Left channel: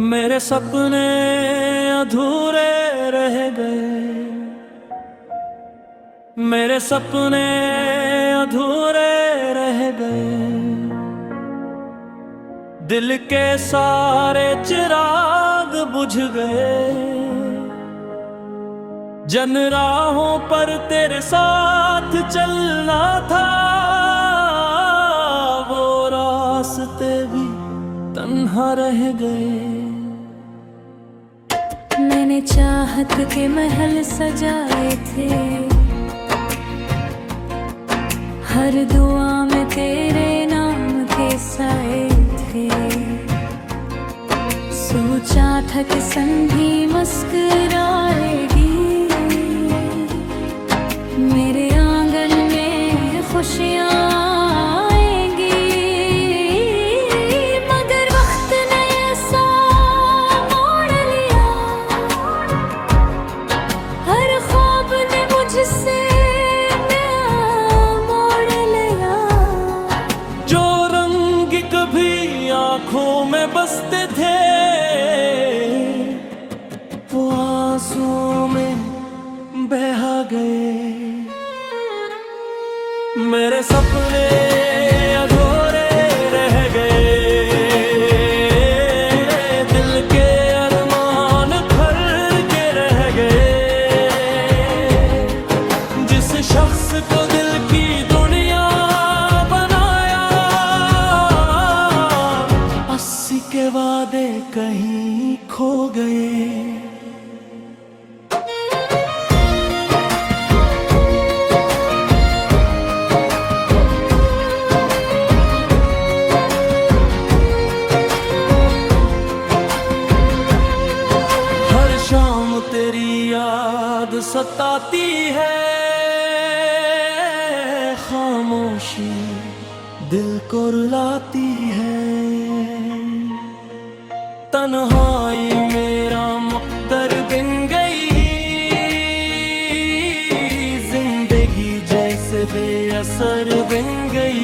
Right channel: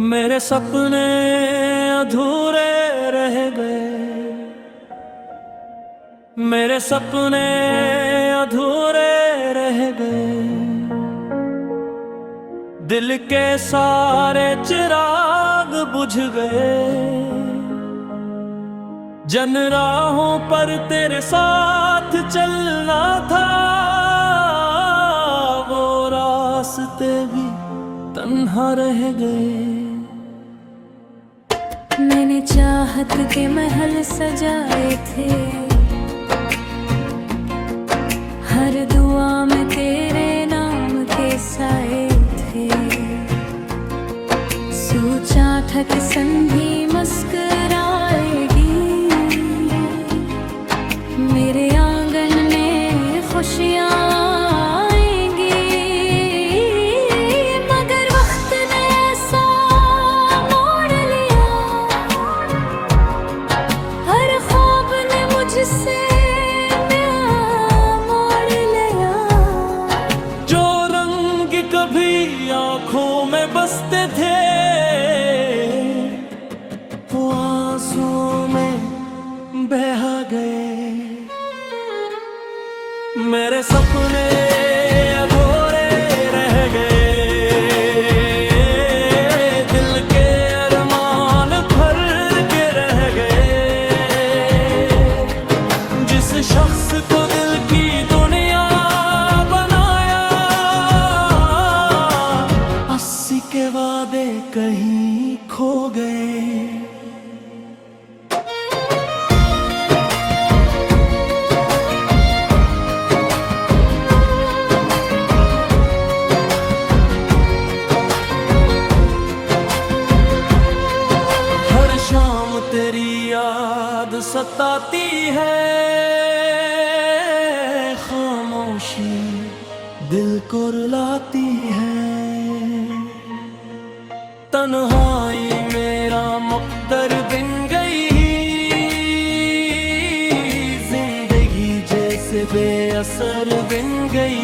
मेरे सपने अधूरे रह गए, मेरे सपने अधूरे रह गए। दिल के सारे चिराग बुझ गए। जन राहों पर तेरे साथ चलना था, वो रास्ते भी तन्हा रह गए। मैंने चाहत के महल सजाए थे, हर दुआ में तेरे नाम के साए थे। सोचा था कि संधी मुस्कुराएगी, मेरे आंगन में खुशियाँ आएंगी। मगर वक्त ने ऐसा मोड़ लिया, हर ख्वाब ने मुझसे मोड़ लिया। जो रंग कभी आंखों में बसते थे, वो आंसुओं में बहा गए। मेरे सपने अधूरे रह गए, दिल के अरमान भर के रह गए। जिस शख्स को दिल की दुनिया बनाया, 80 के वादे कहीं खो गए। शाम तेरी याद सताती है, खामोशी दिल को रुलाती है। तन्हाई मेरा मुक़द्दर बिन गई, जिंदगी जैसे बेअसर बिन गई।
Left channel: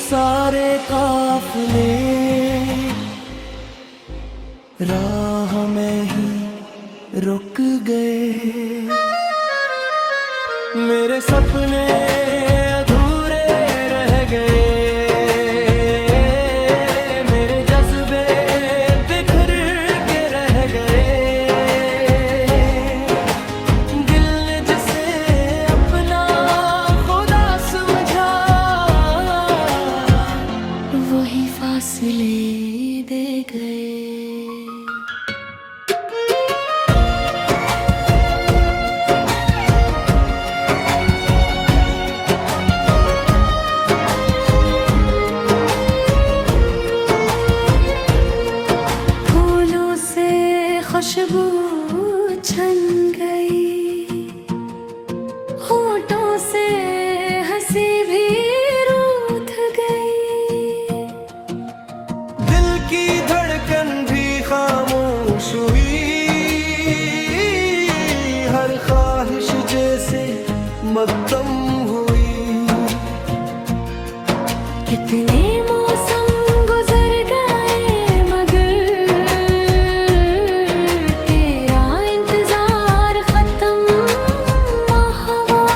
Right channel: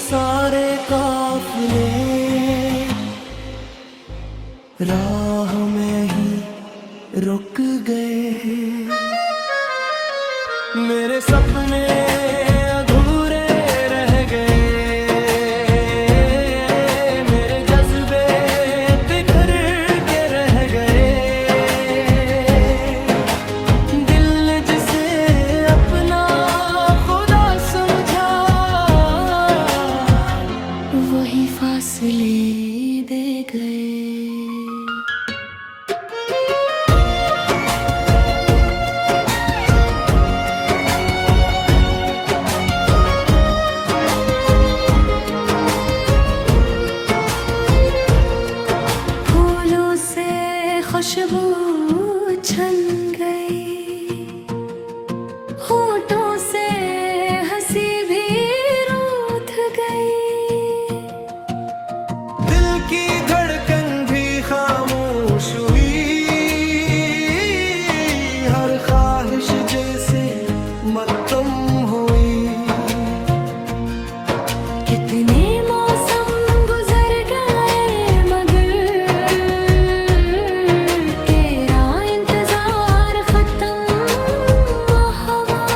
सारे काफिले राह में ही रुक गए। मेरे सपने अधूरे रह गए, मेरे जज्बे बिखर के रह गए। दिल ने जिसे अपना खुदा समझा, वही फासले दे गए। फूलों से खुशबू छन गई, होठों से हंसी भी रूठ गई। दिल की धड़कन भी खामोश हुई, हर ख्वाहिश जैसे मद्दम हुई। कितने मौसम गुजर गए, मगर तेरा इंतजार खत्म हवा।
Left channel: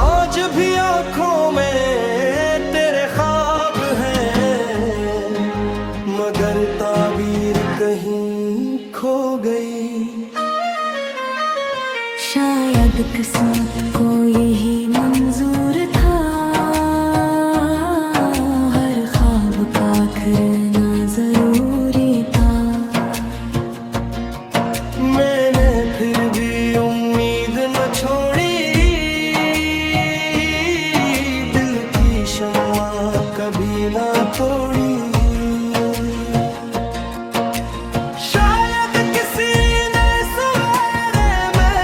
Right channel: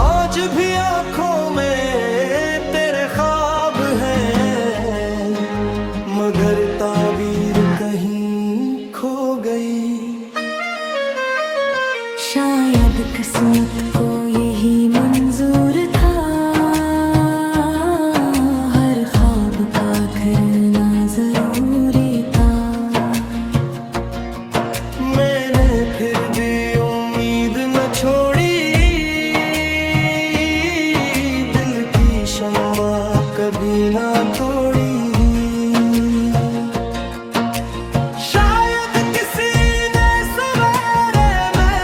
आज भी आंखों में तेरे ख्वाब हैं, मगर ताबीर कहीं खो गई। शायद किस्मत को यही मंजूर था, हर ख्वाब का आखिरना जरूरी था। मैंने फिर भी उम्मीद न छोड़ी, दिल की शम्मा कभी ना तोड़ी। शायद किसी ने सवेरे में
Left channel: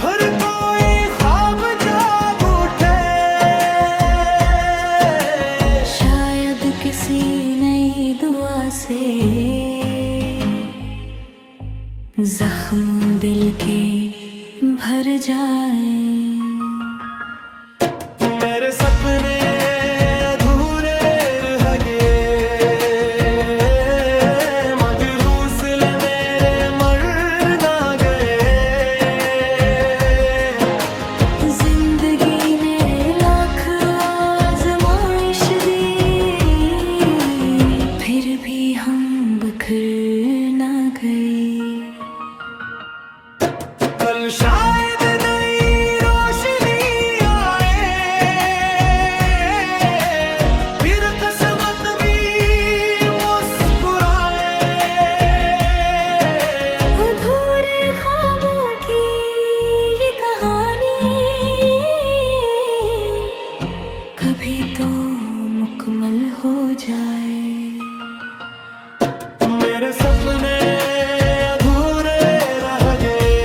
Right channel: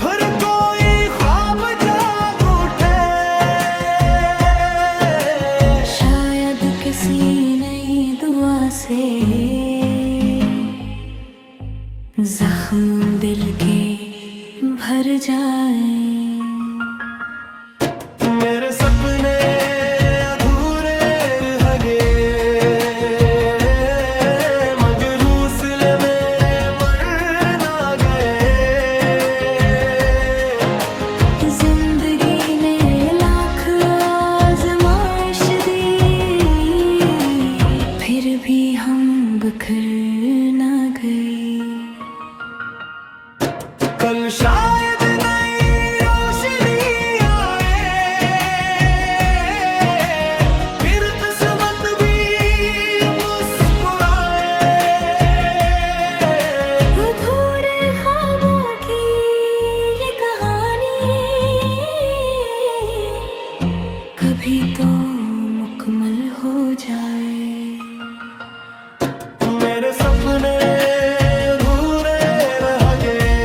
फिर कोई ख्वाब जाग उठे। किसी नई दुआ से जख्म दिल के भर जाए। मेरे सपने अधूरे रह गए, मगर हौसले मेरे मर ना गए। जिंदगी ने लाख आजमाइश दी, फिर भी हम बिखर ना गए। कल शायद नई रोशनी आए, फिर किस्मत भी मुस्कुराए। अधूरे ख्वाबों की ये कहानी कभी तो मुकम्मल हो जाए। मेरे सपने अधूरे रह गए,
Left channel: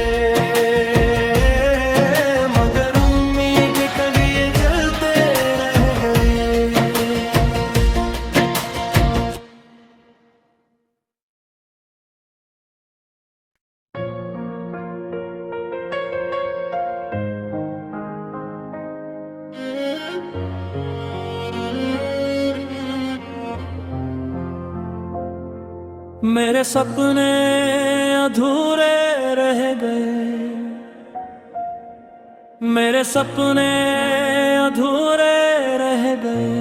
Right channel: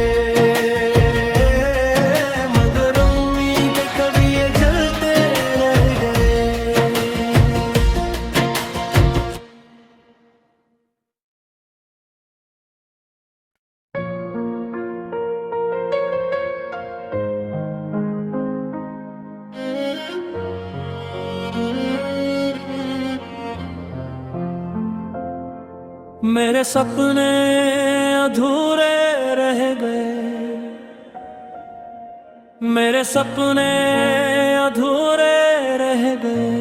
मगर उम्मीद कभी ये जलते रह गए। मेरे सपने अधूरे रह गए, मेरे सपने अधूरे रह गए।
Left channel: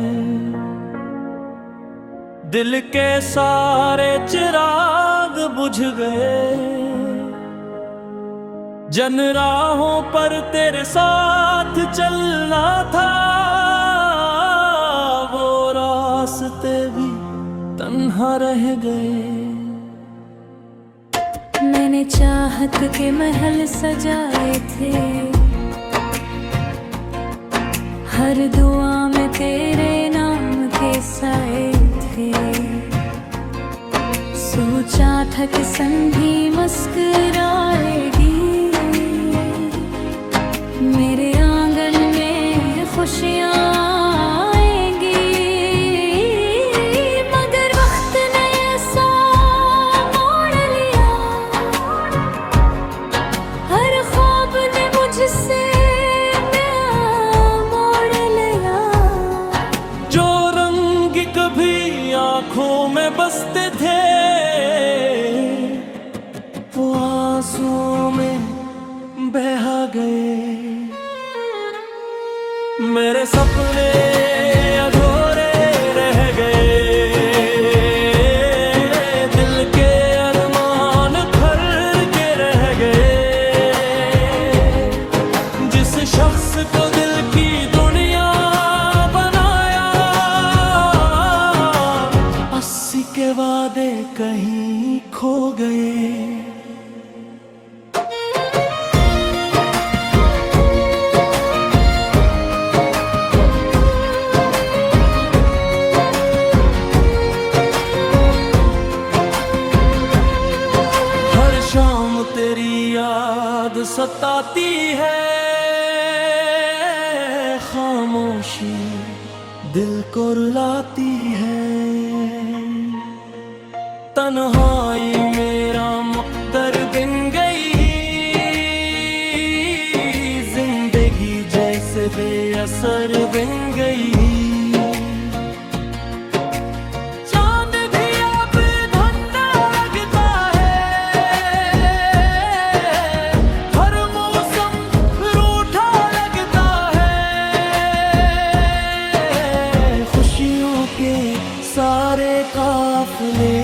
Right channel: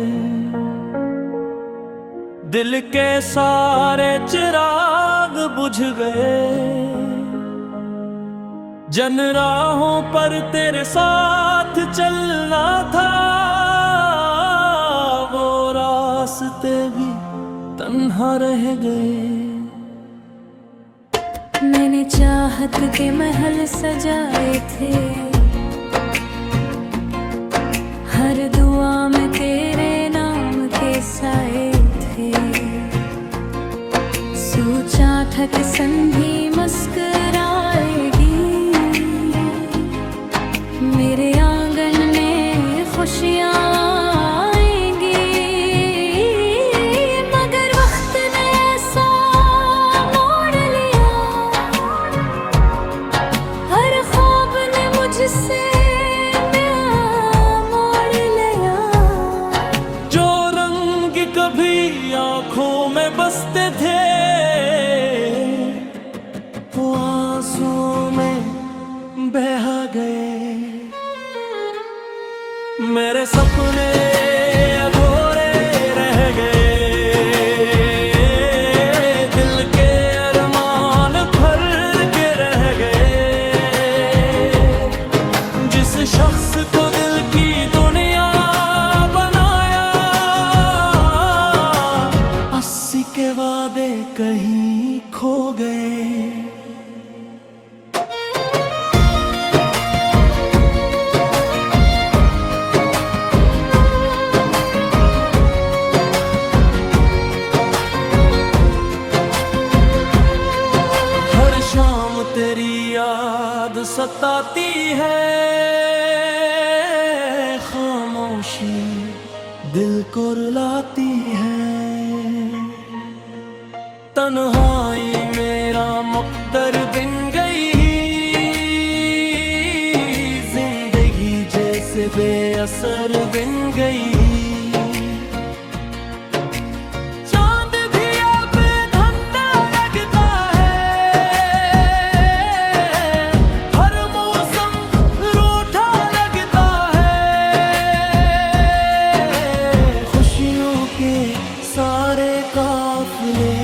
दिल के सारे चिराग बुझ गए, जन राहों पर तेरे साथ चलना था, वो रास्ते भी तन्हा रह गए। मैंने चाहत के महल सजाए थे, हर दुआ में तेरे नाम के साए थे। सोचा था कि संधी मुस्कुराएगी, मेरे आंगन में खुशियाँ आएंगी। मगर वक्त ने ऐसा मोड़ लिया, हर ख्वाब ने मुझसे मोड़ लिया। जो रंग कभी आंखों में बसते थे, वो आंसुओं में बहा गए। मेरे सपने अधूरे रह गए, दिल के अरमान भर के रह गए। जिस शख्स को दिल की दुनिया बनाया, 80 के वादे कहीं खो गए। शाम तेरी याद सताती है, खामोशी दिल को रुलाती है। तन्हाई मेरा मुक़द्दर बिन गई, जिंदगी जैसे बेअसर बिन गई। सारे काफिले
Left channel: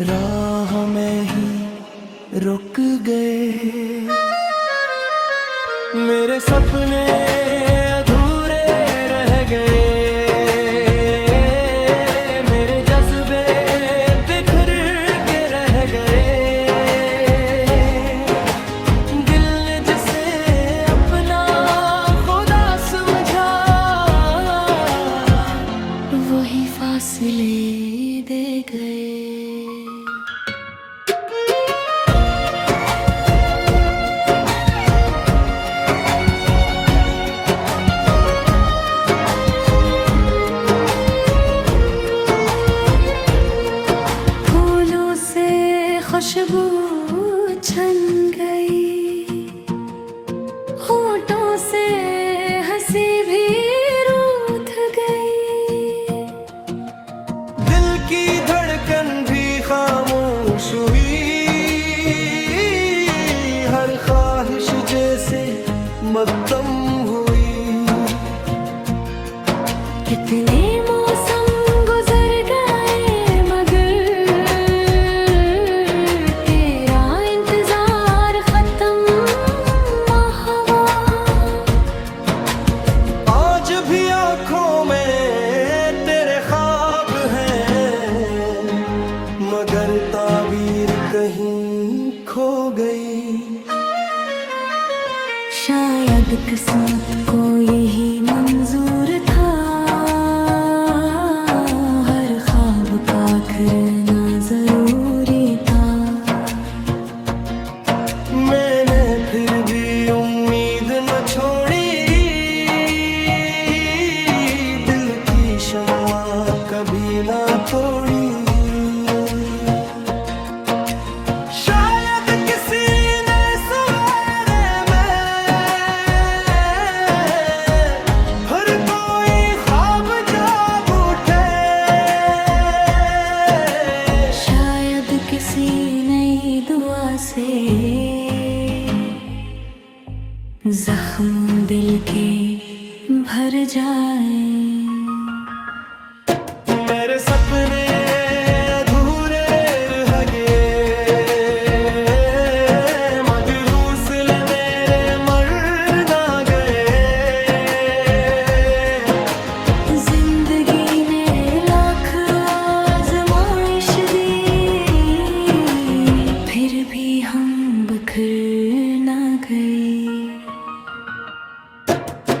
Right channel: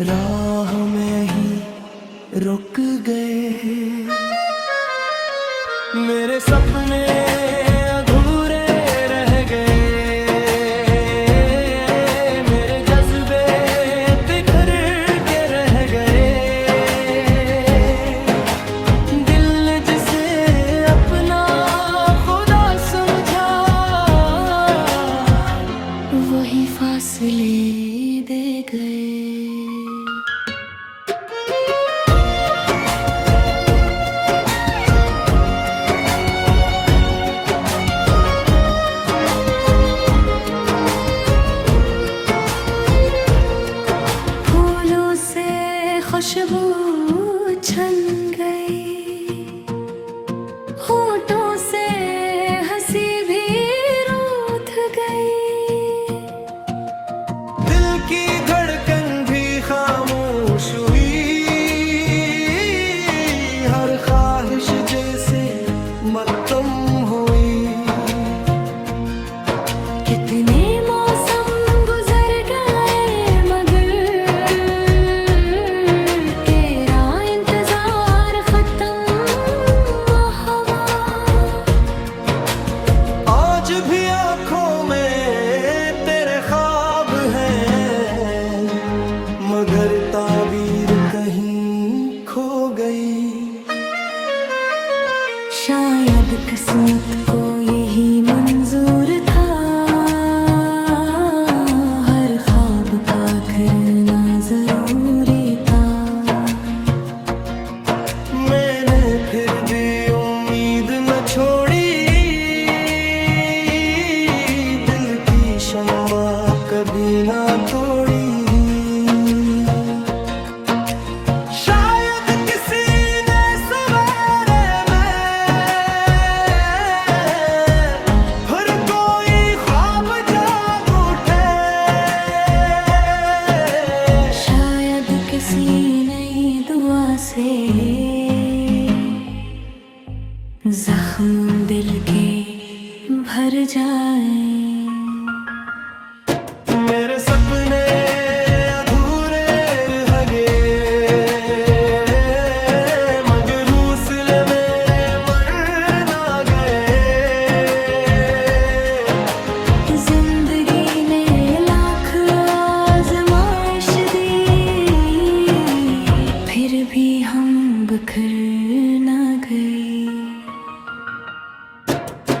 राह में ही रुक गए। मेरे सपने अधूरे रह गए, मेरे जज्बे बिखर के रह गए। दिल ने जिसे अपना खुदा समझा, वही फासले दे गए। खुशबू छन गई, होठों से हंसी भी रूठ गई। दिल की धड़कन भी खामोश हुई, हर ख्वाहिश जैसे मत्तम हुई। कितने मौसम गुजर गए मगर तेरा इंतजार खत्म हवा। आज भी आंखों में तेरे ख्वाब हैं, मगर ताबीर कहीं खो गई। शायद किस्मत को यही मंजूर था, हर ख्वाब का आखिरना जरूरी था। मैंने फिर भी उम्मीद न छोड़ी, दिल की शम्मा कभी ना तोड़ी। शायद किसी ने सवेरे में फिर कोई ख्वाब जाग उठे। शायद किसी नई दुआ से जख्म दिल के भर जाए। मेरे सपने अधूरे रह गए, मगर हौसले मेरे मर ना गए। जिंदगी ने लाख आजमाइश दी, फिर भी हम बिखर ना गए।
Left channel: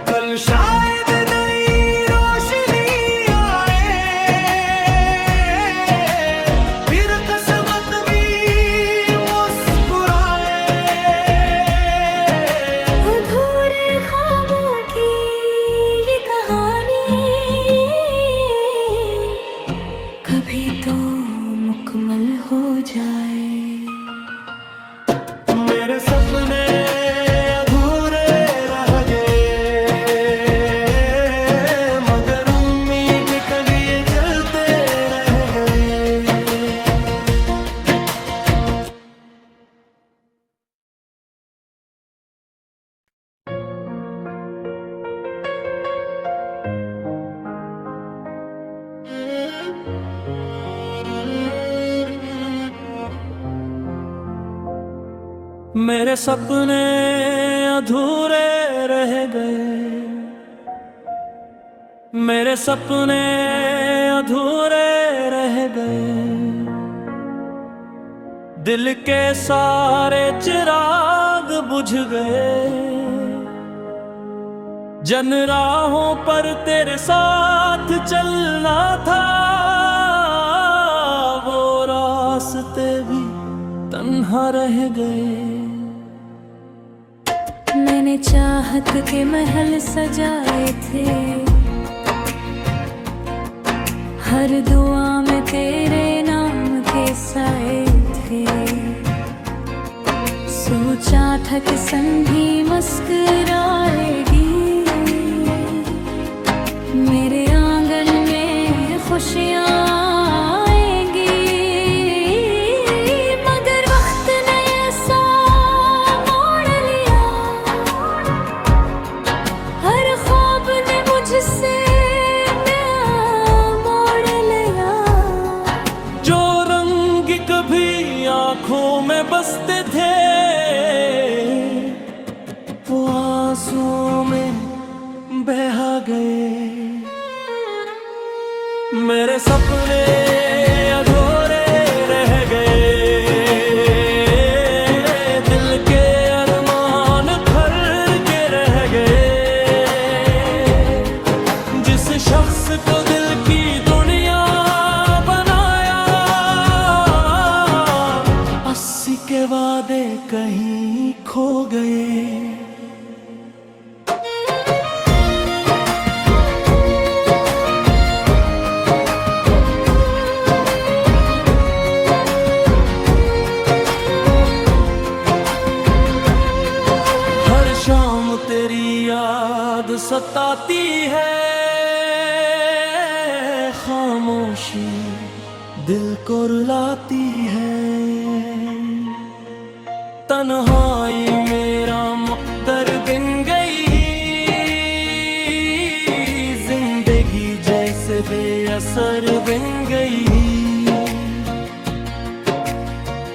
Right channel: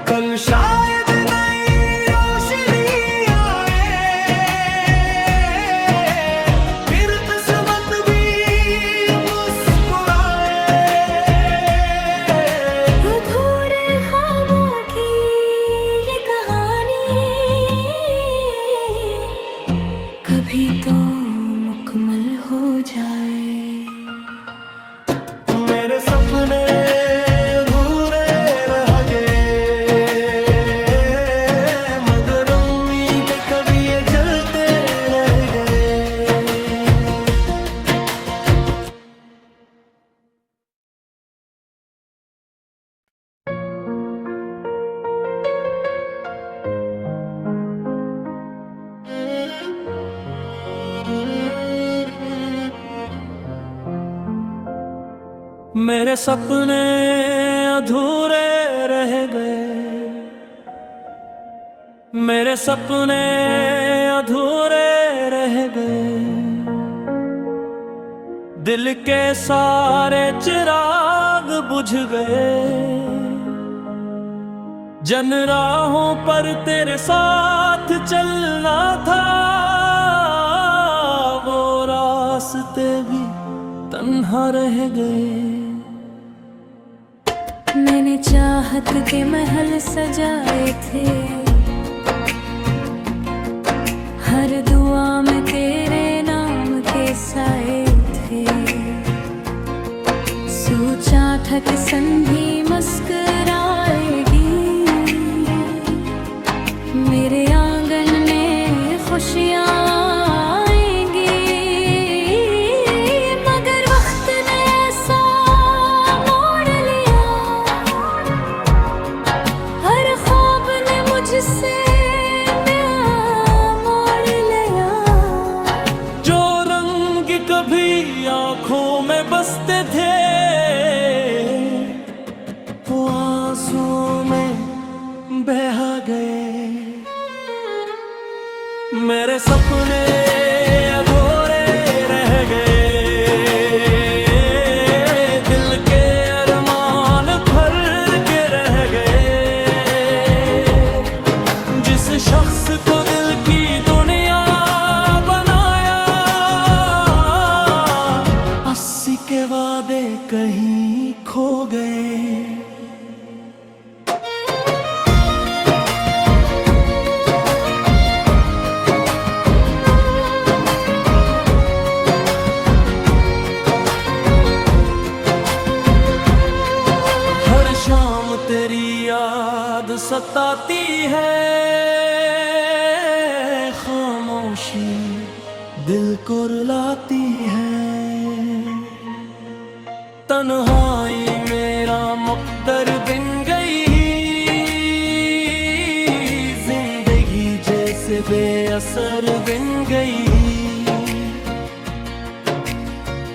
कल शायद नई रोशनी आए, फिर किस्मत भी मुस्कुराए। अधूरे ख्वाबों की ये कहानी कभी तो मुकम्मल हो जाए। मेरे सपने अधूरे रह गए, मगर उम्मीद कभी ये जलते रह गए। मेरे सपने अधूरे रह गए, मेरे सपने अधूरे रह गए। दिल के सारे चिराग बुझ गए, जन राहों पर तेरे साथ चलना था, वो रास्ते भी तन्हा रह गए। मैंने चाहत के महल सजाए थे, हर दुआ में तेरे नाम के साए थे। सोचा था कि संधी मुस्कुराएगी, मेरे आंगन में खुशियाँ आएंगी। मगर वक्त ने ऐसा मोड़ लिया, हर ख्वाब ने मुझसे मोड़ लिया। जो रंग कभी आंखों में बसते थे, वो आंसुओं में बहा गए। मेरे सपने अधूरे रह गए, दिल के अरमान भर के रह गए। जिस शख्स को दिल की दुनिया बनाया, 80 के वादे कहीं खो गए। सताती है, खामोशी दिल को रुलाती है। तन्हाई मेरा मुक़द्दर बिन गई, जिंदगी जैसे बेअसर बिन गई।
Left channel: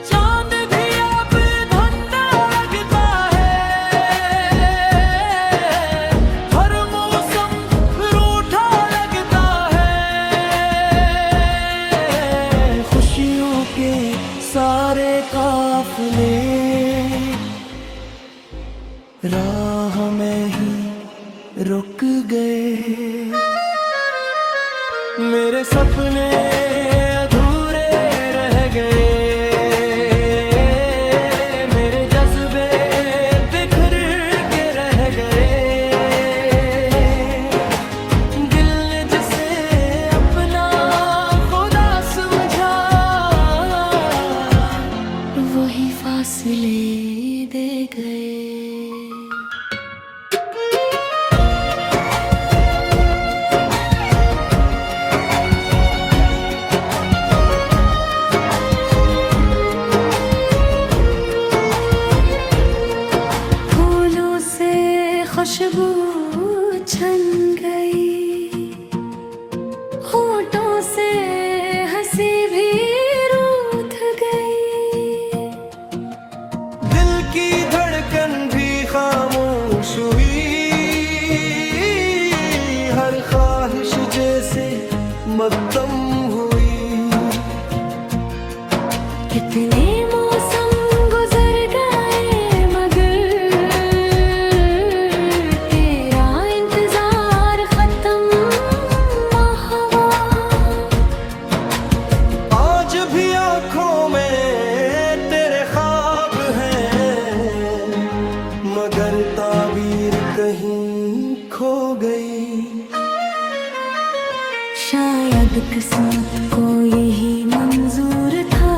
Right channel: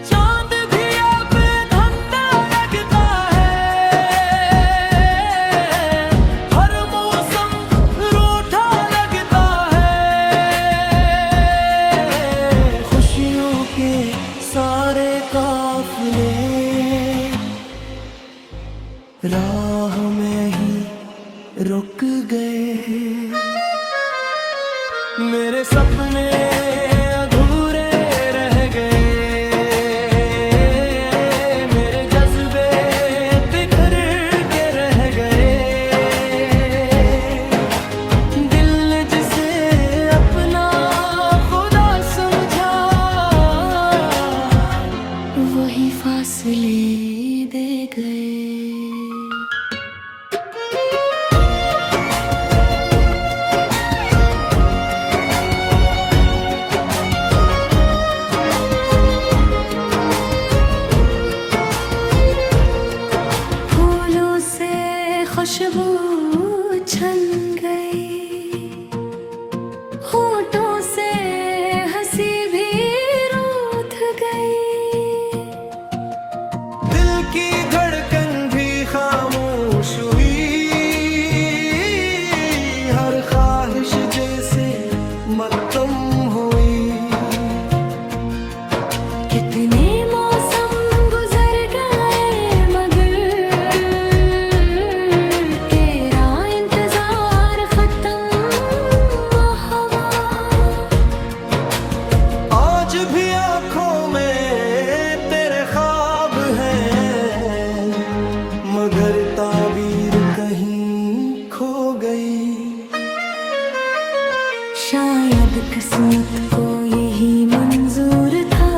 चांद भी अब धंधा लगता है, हर मौसम रूठा लगता है। खुशियों के सारे काफिले राह में ही रुक गए। मेरे सपने अधूरे रह गए, मेरे जज्बे बिखर के रह गए। दिल ने जिसे अपना खुदा समझा, वही फासले दे गए। खुशबू छन गई, होठों से हंसी भी रूठ गई। दिल की धड़कन भी खामोश हुई, हर ख्वाहिश जैसे मद्दम हुई। कितने मौसम गुजर गए मगर भी आँखों में तेरे ख्वाब हैं, मगर ताबीर कहीं खो गई। शायद किस्मत को यही मंजूर था,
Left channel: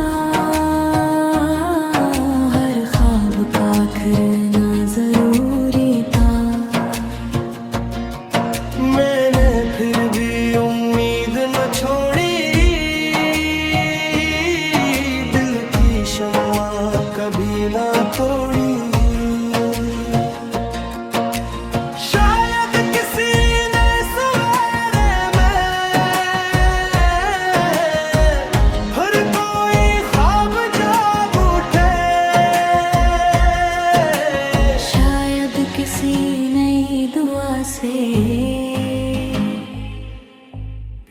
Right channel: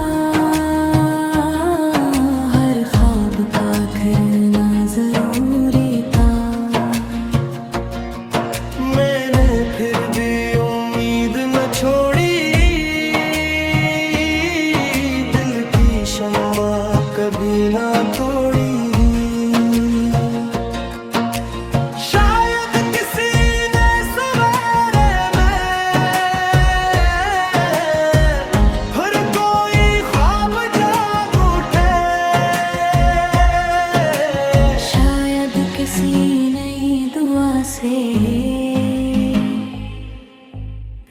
हर ख्वाब का आखिरना जरूरी था। मैंने फिर भी उम्मीद न छोड़ी, शम्मा कभी ना तोड़ी। शायद किसी ने सवेरे में फिर कोई ख्वाब जाग उठे। शायद किसी नई दुआ से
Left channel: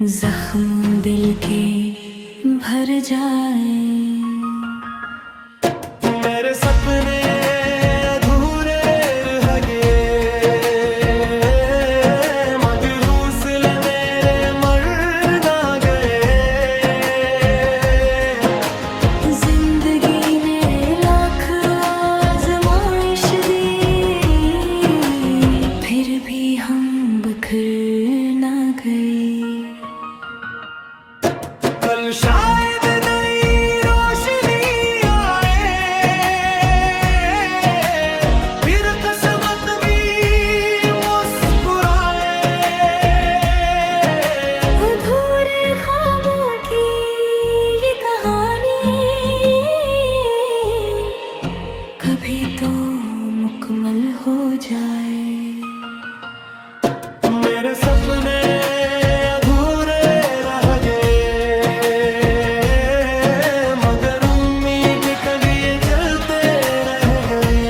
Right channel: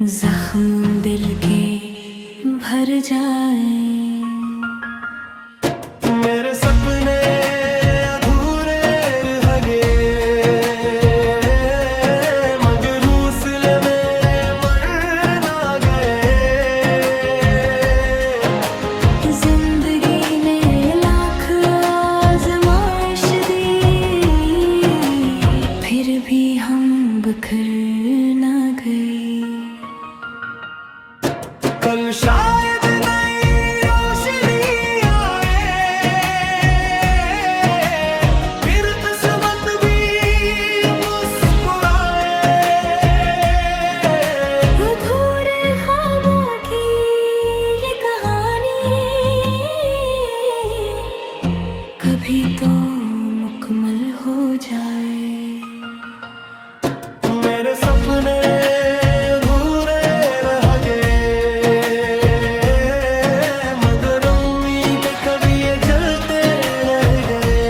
जख्म दिल के भर जाए। मेरे सपने अधूरे रह गए, मगर हौसले मेरे मर ना गए। जिंदगी ने लाख आजमाइश दी, फिर भी हम बिखर ना गए। कल शायद नई रोशनी कभी तो मुकम्मल हो जाए। मेरे सपने अधूरे रह गए, मगर उम्मीद कभी ये जलते रह गए।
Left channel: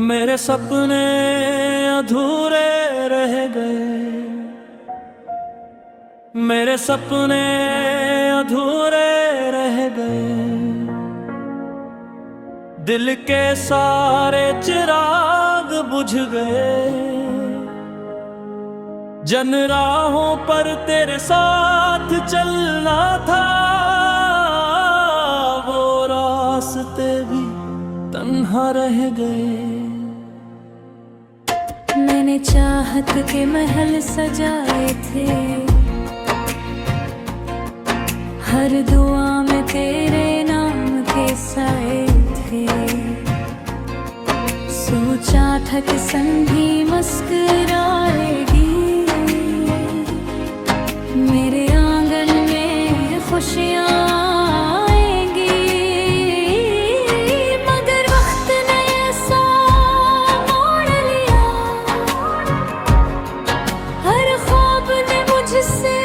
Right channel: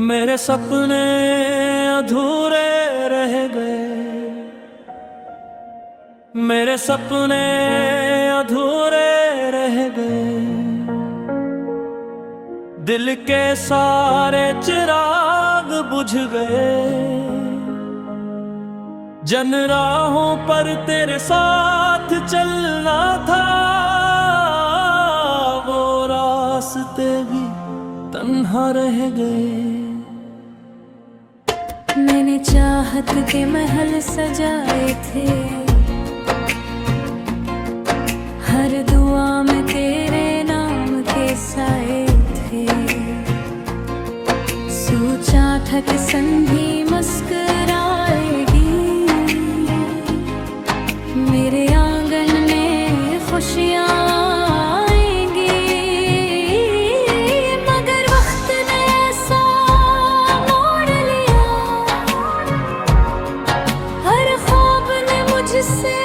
मेरे सपने अधूरे रह गए, मेरे सपने अधूरे रह गए। दिल के सारे चिराग बुझ गए। जन राहों पर तेरे साथ चलना था, वो रास्ते भी तन्हा रह गए। मैंने चाहत के महल सजाए थे, हर दुआ में तेरे नाम के साए थे। सोचा था कि संधी मुस्कुराएगी, मेरे आंगन में खुशियाँ आएंगी। मगर वक्त ने ऐसा मोड़ लिया, हर ख्वाब ने मुझसे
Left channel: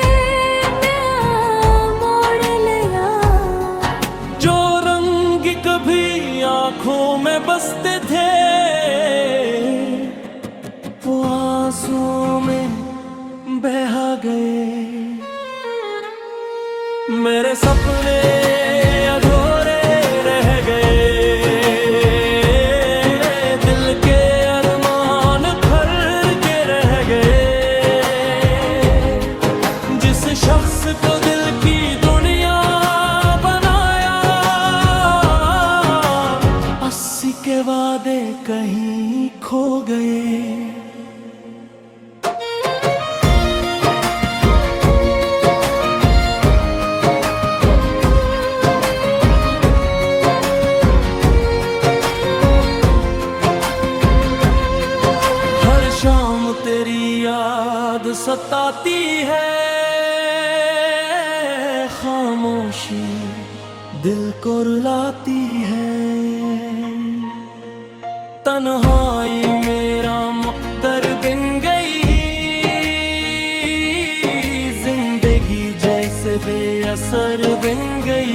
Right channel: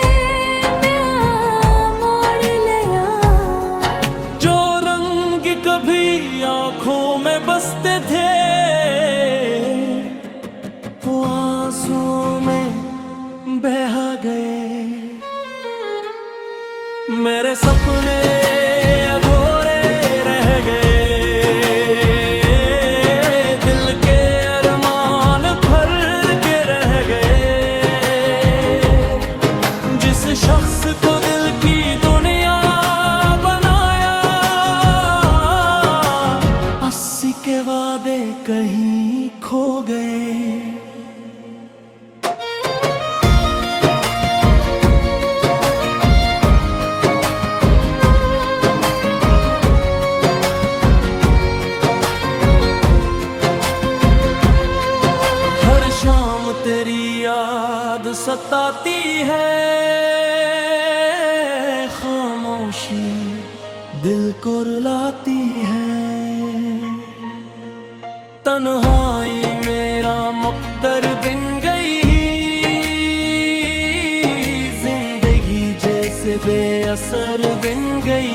मोड़ लिया। जो रंग कभी आंखों में बसते थे, वो आंसुओं में बहा गए। मेरे सपने अधूरे रह गए, दिल के अरमान भर के रह गए। जिस शख्स को दिल की दुनिया बनाया, 80 के वादे कहीं खो गए। शाम तेरी याद सताती है, खामोशी दिल को रुलाती है। तन्हाई मेरा मुक़द्दर बिन गई, जिंदगी जैसे बेअसर बिन गई।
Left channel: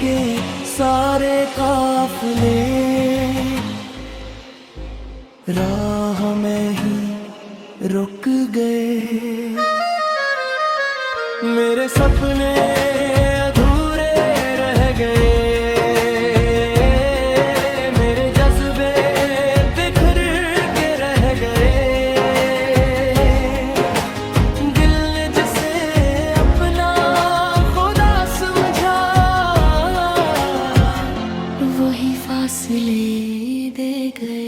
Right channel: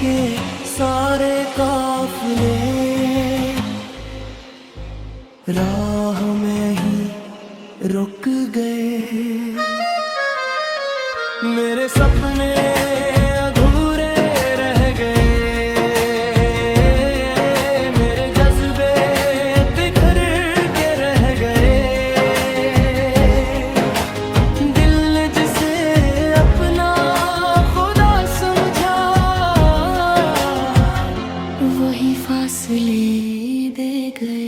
के सारे काफिले राह में ही रुक गए। मेरे सपने अधूरे रह गए, मेरे जज्बे बिखर के रह गए। दिल ने जिसे अपना खुदा समझा, वही फासले दे गए।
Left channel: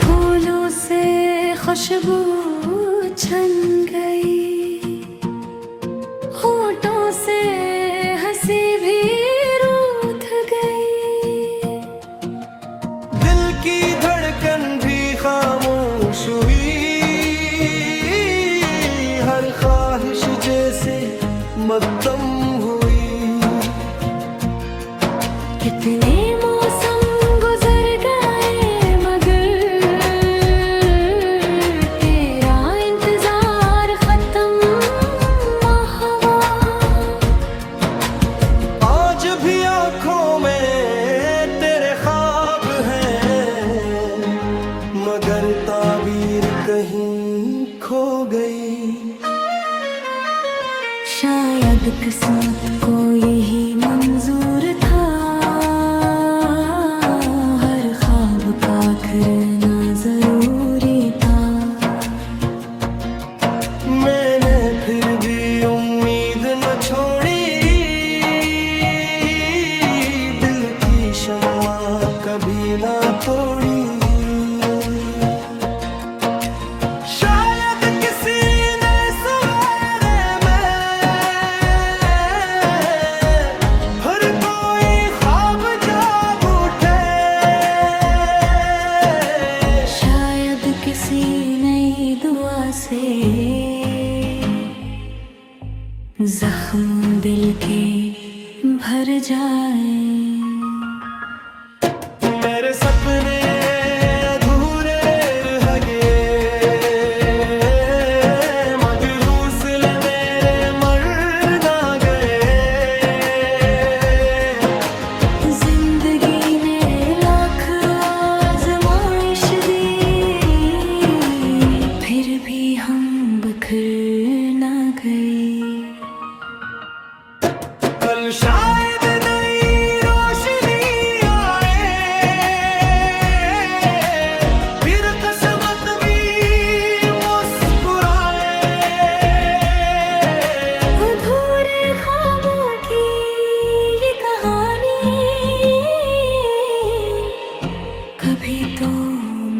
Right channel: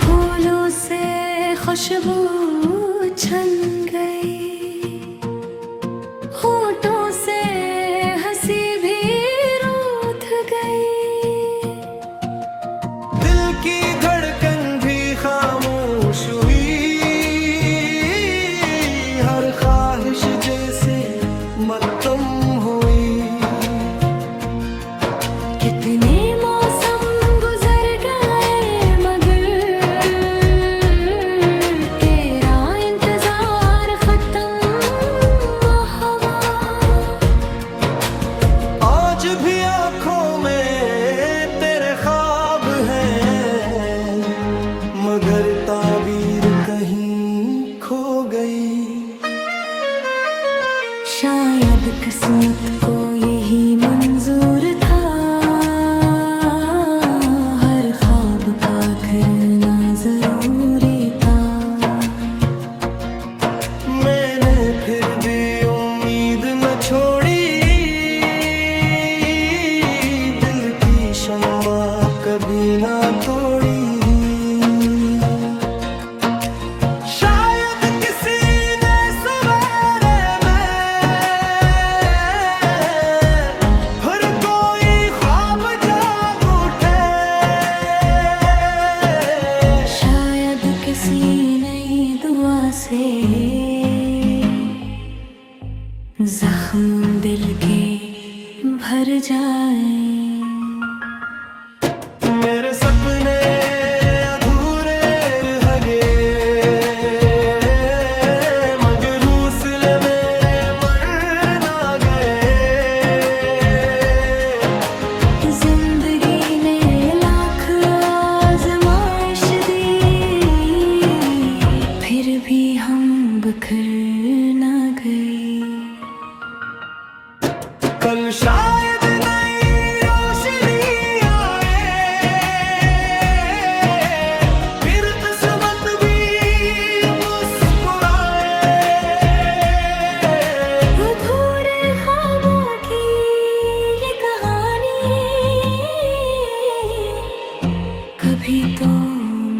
फूलों से खुशबू छन गई, होठों से हंसी भी रूठ गई। की धड़कन भी खामोश हुई, हर ख्वाहिश जैसे मत्तम हुई। कितने मौसम गुजर गए, मगर तेरा इंतजार खत्म हवा। आज भी आंखों में तेरे ख्वाब हैं, मगर ताबीर कहीं खो गई। शायद किस्मत को यही मंजूर था, हर ख्वाब का आखिरना जरूरी था। मैंने फिर भी उम्मीद न छोड़ी, दिल की शम्मा कभी ना तोड़ी। शायद किसी ने सवेरे में फिर कोई ख्वाब जाग उठे। शायद किसी नई दुआ से जख्म दिल के भर जाए। मेरे सपने अधूरे रह गए, मगर हौसले मेरे मर ना गए। जिंदगी ने फिर भी हम बिखर ना गए। कल शायद नई रोशनी आए, फिर किस्मत भी मुस्कुराए। अधूरे ख्वाबों की ये कहानी कभी तो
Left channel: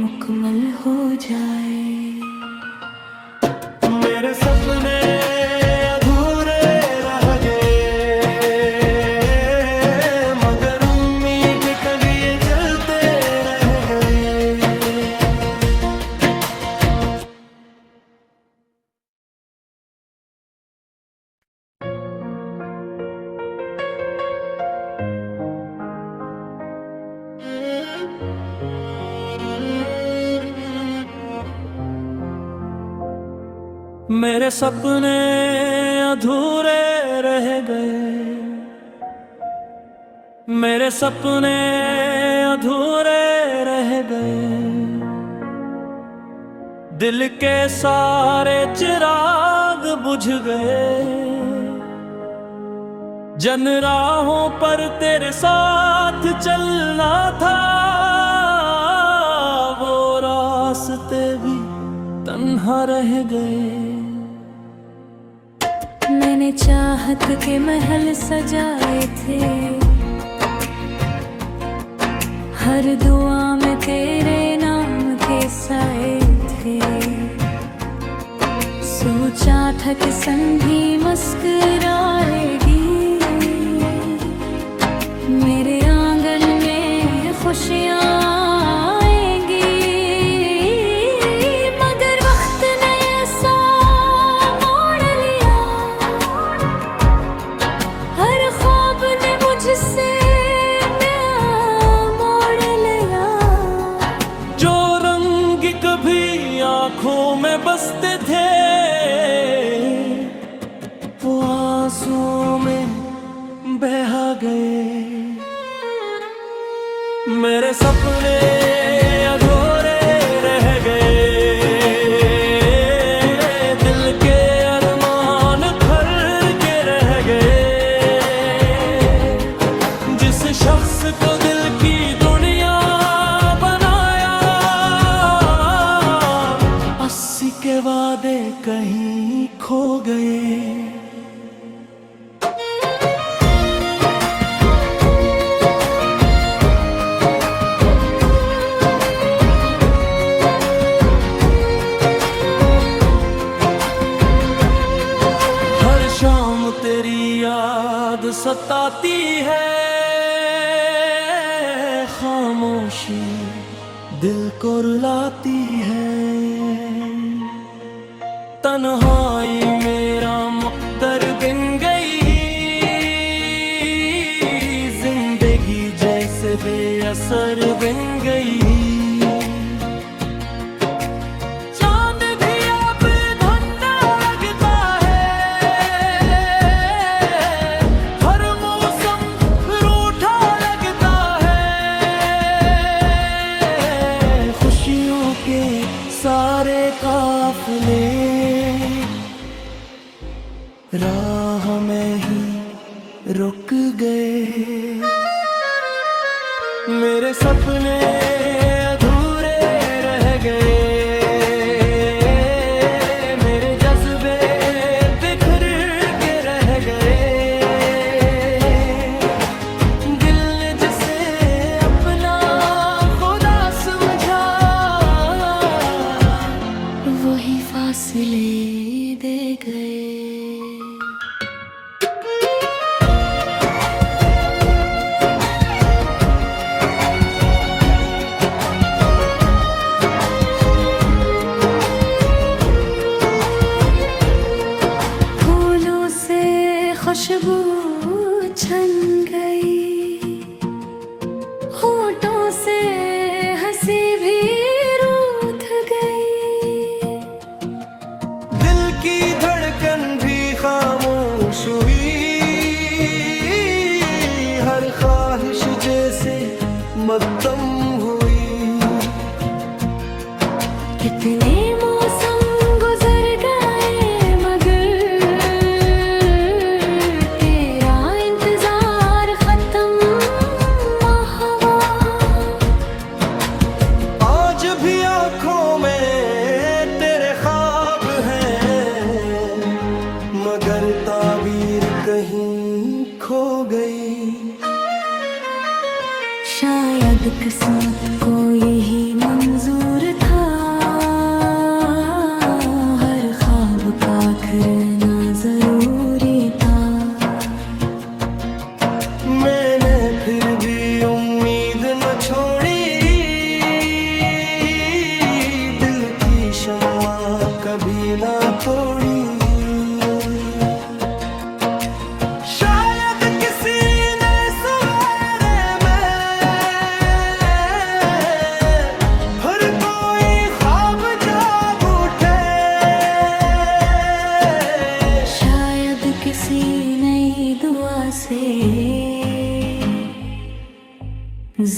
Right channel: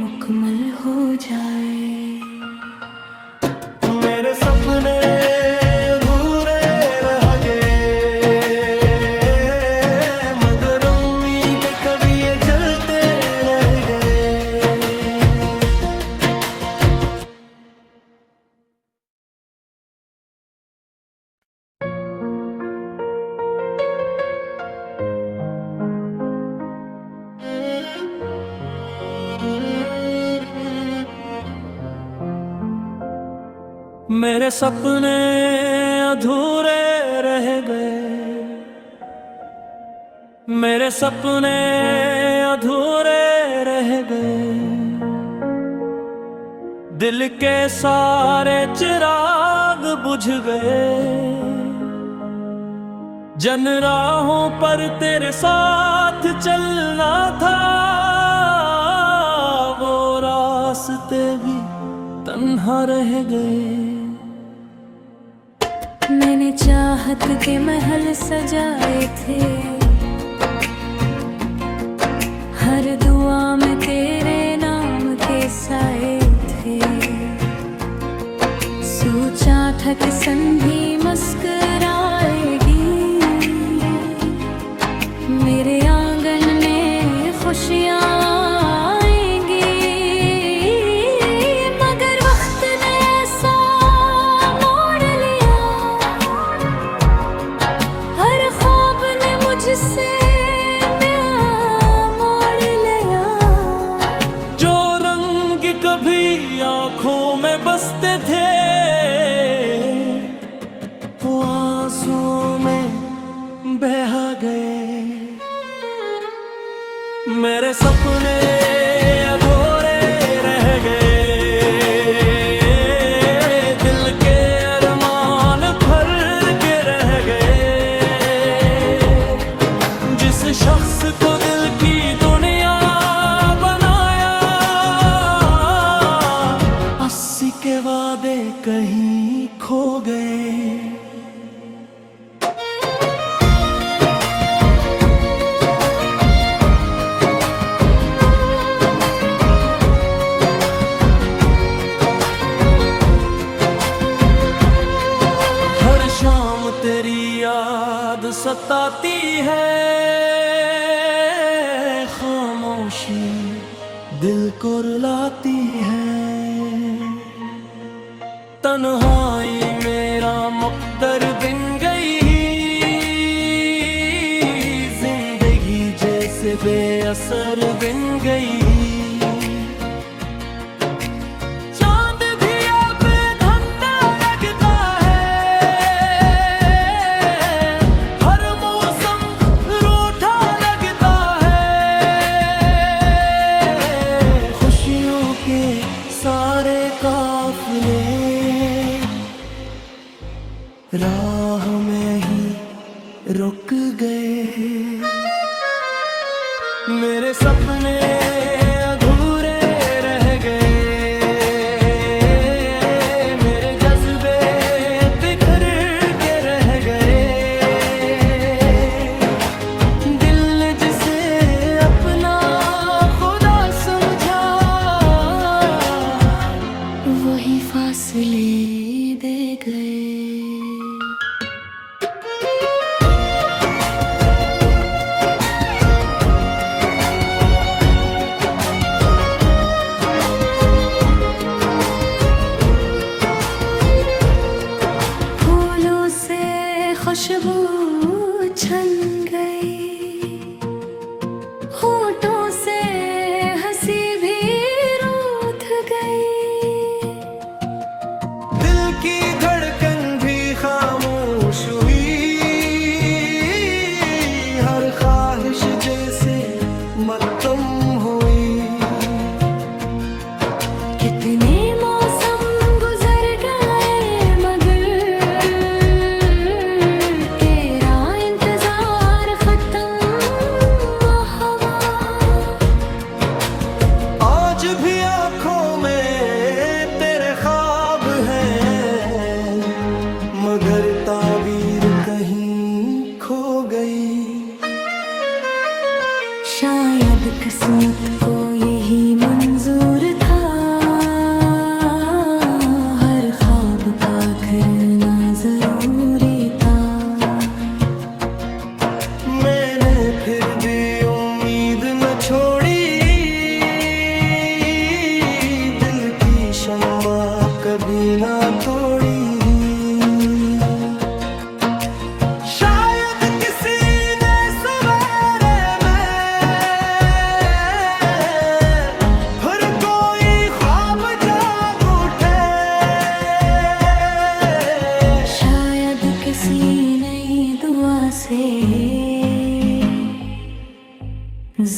मुकम्मल हो जाए। मेरे सपने अधूरे रह गए, मगर उम्मीद कभी ये जलते रह गए। मेरे सपने अधूरे रह गए, मेरे सपने अधूरे रह गए। दिल के सारे चिराग बुझ गए, जन राहों पर तेरे साथ चलना था, वो रास्ते भी तन्हा रह गए। मैंने चाहत के महल सजाए थे, हर दुआ में तेरे नाम के साए थे। सोचा था कि संधी मुस्कुराएगी, मेरे आंगन में खुशियाँ आएंगी। मगर वक्त ने ऐसा मोड़ लिया, हर ख्वाब ने मुझसे मोड़ लिया। जो रंग कभी आंखों में बसते थे, वो आंसुओं में बहा गए। मेरे सपने अधूरे रह गए, दिल के अरमान भर के रह गए। जिस शख्स को दिल की दुनिया बनाया, 80 के वादे कहीं खो गए। शाम तेरी याद सताती है, खामोशी दिल को रुलाती है। तन्हाई मेरा मुक़द्दर बिन गई, जिंदगी जैसे बेअसर बिन गई। सारे काफिले राह में ही रुक गए। मेरे सपने अधूरे रह गए, मेरे जज्बे बिखर के रह गए। दिल ने जिसे अपना खुदा समझा, वही फासले दे गए। फूलों से खुशबू छन गई, होठों से हंसी भी रूठ गई। दिल की धड़कन भी खामोश हुई, हर ख्वाहिश जैसे मद्दम हुई। कितने मौसम मगर ताबीर कहीं खो गई। शायद किस्मत को यही मंजूर था, हर ख्वाब का करना जरूरी था। मैंने फिर भी उम्मीद न छोड़ी, दिल की शम्मा कभी ना तोड़ी। शायद किसी ने सवेरे में फिर कोई ख्वाब जाग उठे। शायद किसी नई दुआ से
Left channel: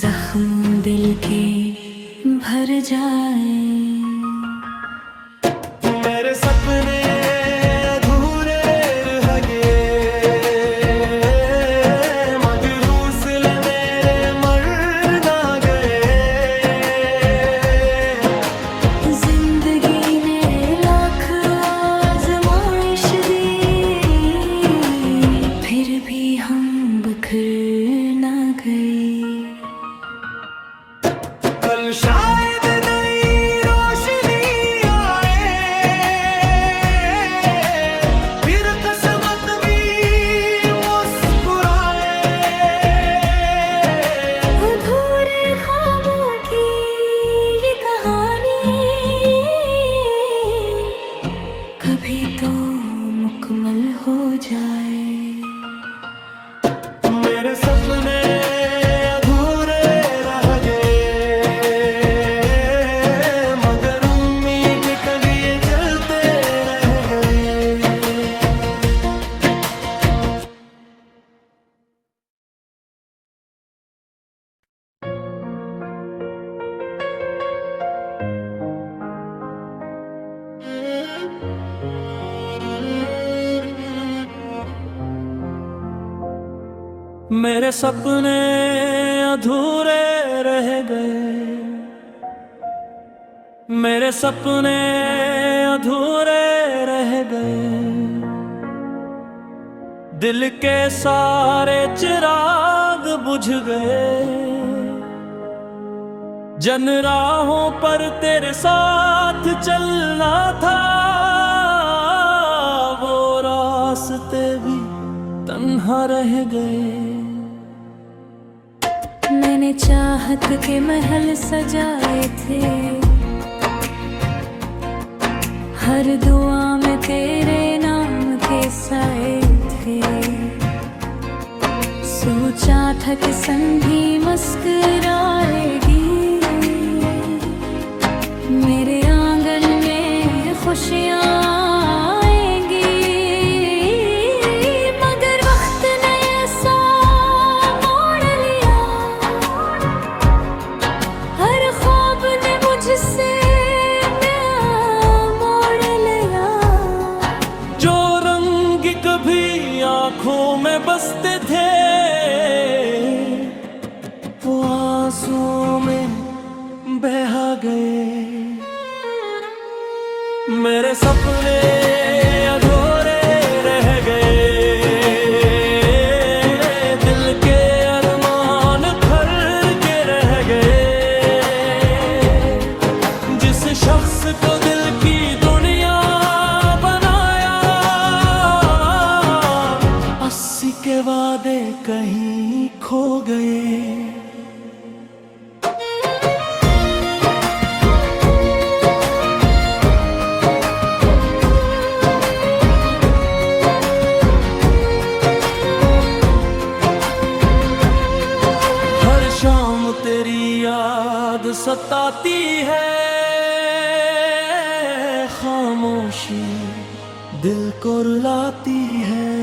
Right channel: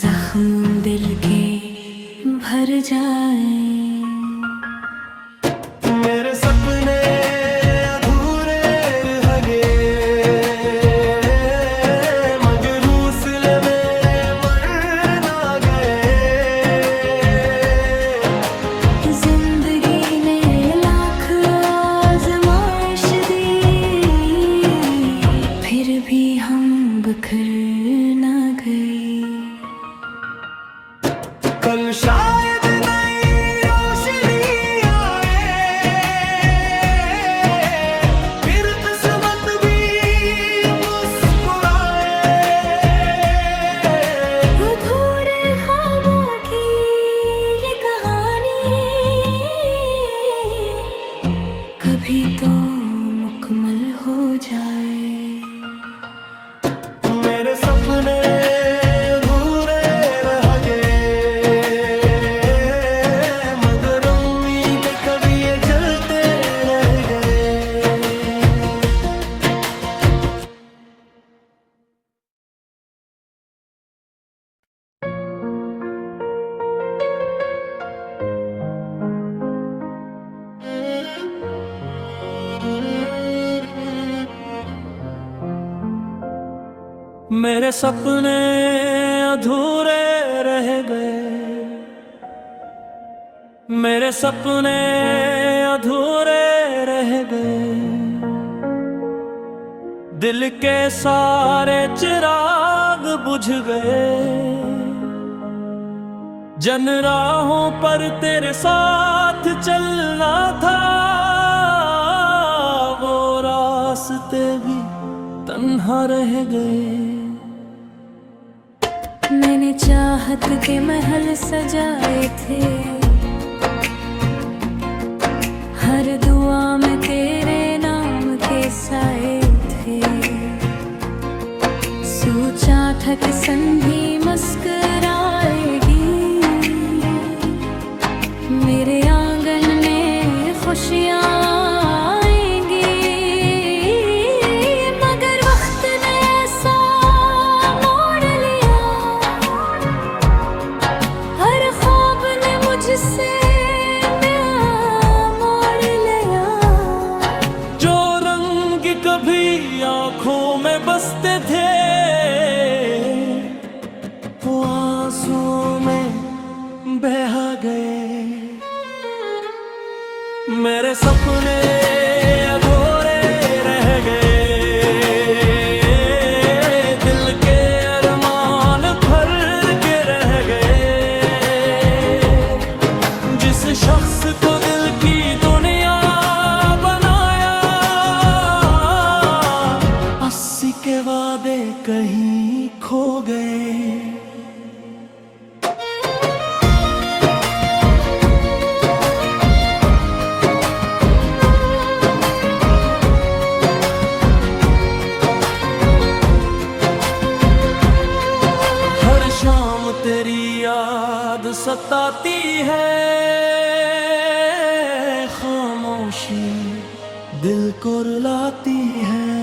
जख्म दिल के भर जाए। मेरे सपने अधूरे रह गए, मगर हौसले मेरे मर ना गए। जिंदगी ने लाख आजमाइश दी, फिर भी हम बिखर ना गए। कल शायद नई रोशनी आए, फिर किस्मत भी मुस्कुराए। अधूरे ख्वाबों की ये कहानी कभी तो मुकम्मल हो जाए। मेरे सपने अधूरे रह गए, मगर उम्मीद कभी ये जलते रह गए। मेरे सपने अधूरे रह गए, मेरे सपने अधूरे रह गए। दिल के सारे चिराग बुझ गए, जन राहों पर तेरे साथ चलना था, वो रास्ते भी तन्हा रह गए। मैंने चाहत के महल सजाए थे, हर दुआ में तेरे नाम के साए थे। सोचा था कि संधी मुस्कुराएगी, मेरे आंगन में खुशियाँ आएंगी। मगर वक्त ने ऐसा मोड़ लिया, हर ख्वाब ने मुझसे मोड़ लिया। जो रंग कभी आंखों में बसते थे, वो आंसुओं में बहा गए। मेरे सपने अधूरे रह गए, दिल के अरमान भर के रह गए। जिस शख्स को दिल की दुनिया बनाया, 80 के वादे कहीं खो गए। शाम तेरी याद सताती है, खामोशी दिल को रुलाती है।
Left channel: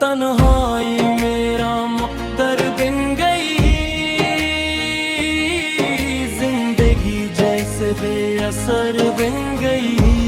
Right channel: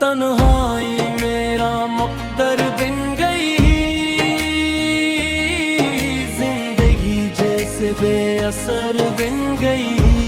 तन्हाई मेरा मुक़द्दर बन गई, जिंदगी जैसे बेअसर बन गई।